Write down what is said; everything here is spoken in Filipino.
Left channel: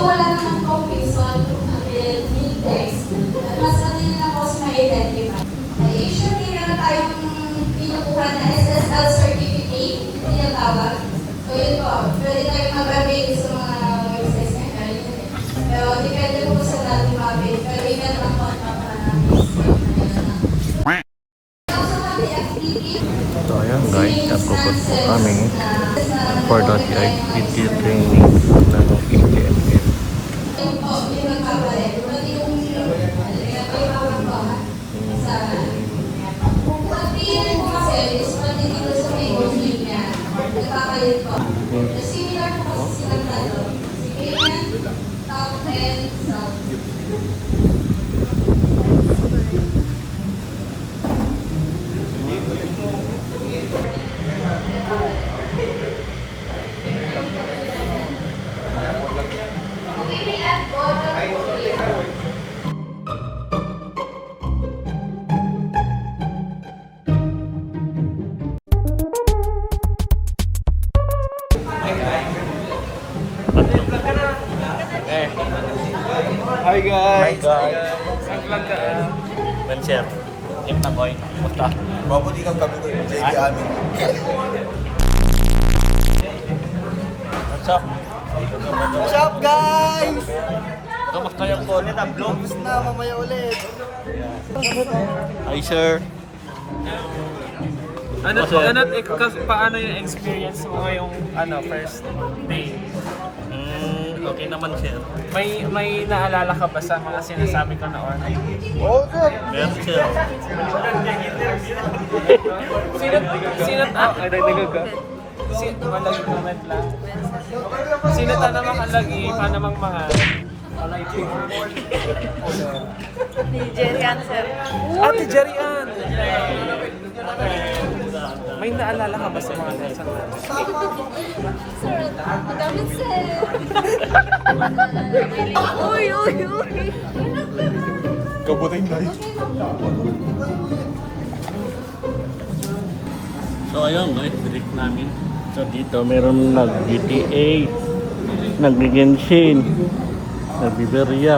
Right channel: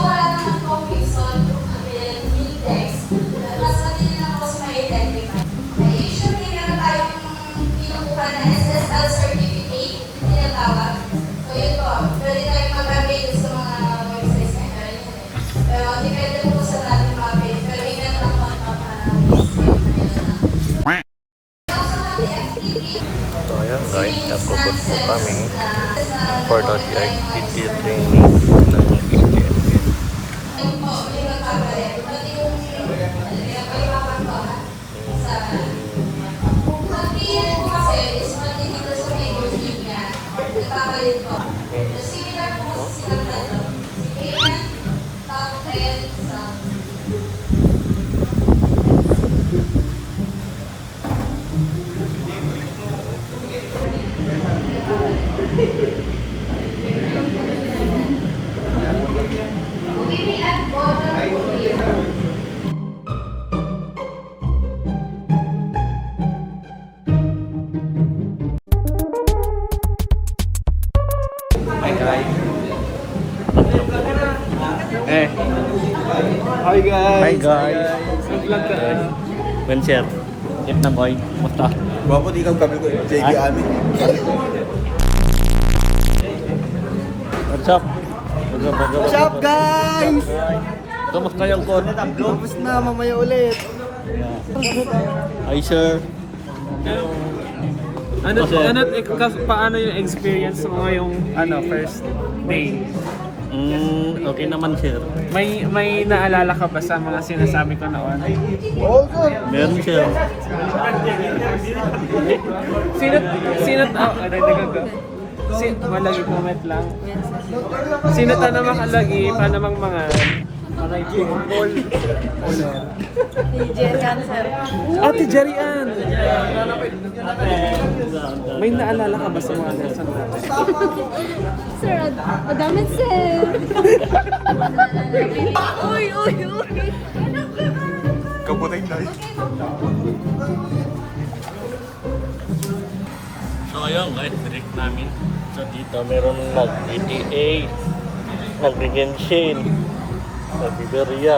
wala ng confusion, yung text, mas madali na po ma-identify. Usually, meron tayong kinukuha na SSL certificate, tinatawag. So, ito, pwede tayo mag-avail sa mga websites na kayo. Pero, depende po sa lahat yung mga page. Pero, email na po ang Hi guys! Well, sir. If the boy. Basta. Bago dito gabi ko yung JB Ani. What's up? What's up guys? Kamusta yung kulit ang vlog? Tapos na mamaya ulit. Hi sir. Paano yung experience mo yung first day? Okay naman sir. May naalala ka ba sa mga sinasabi ko noon? Oo sir. Meron sir. Malagi comment lang. Sino ta namang alagi pa namang mga Jerian, sir. Ate Jerian! May naalala ka ba sa mga lesson natin? Sir, madamit, sir. Kabutay tayo. So ayun guys, break namin. So dito meron GTA, nag-Genshin, nag-Biberia.